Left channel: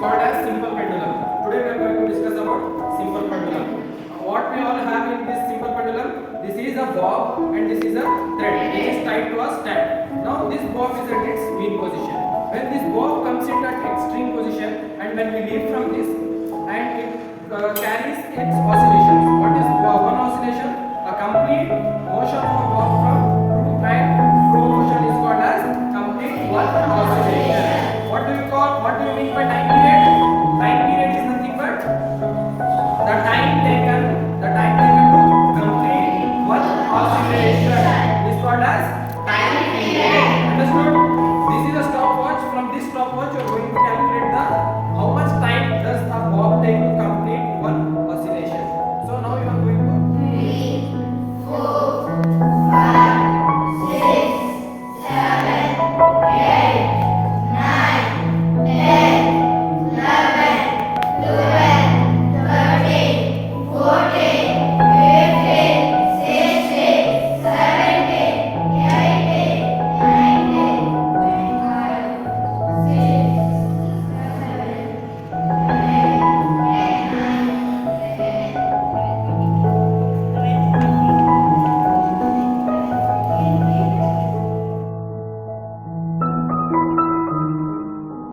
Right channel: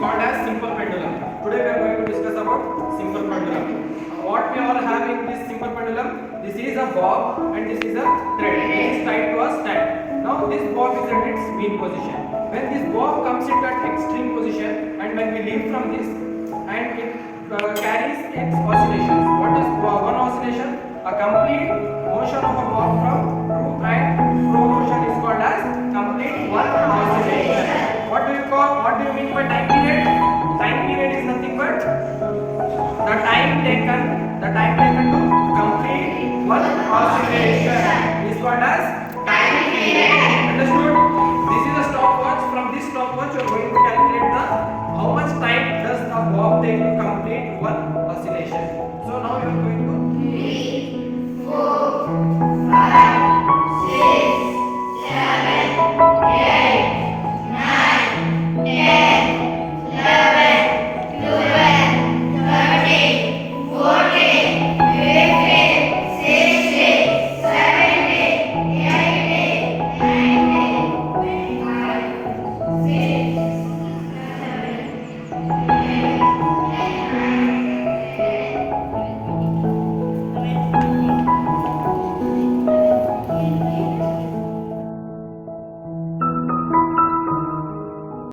called as simple pendulum. Today we are going to discuss about simple pendulum. What we all have in this simple pendulum? This is a bob and this is a thread which is tied to a stem. Now this bob is at its mean position. When this bob comes into an extreme position and when we leave from this and it carries its oscillations. What is one oscillation? A complete motion of a bob from true and flow motion is called as complete one oscillation. What do you mean by time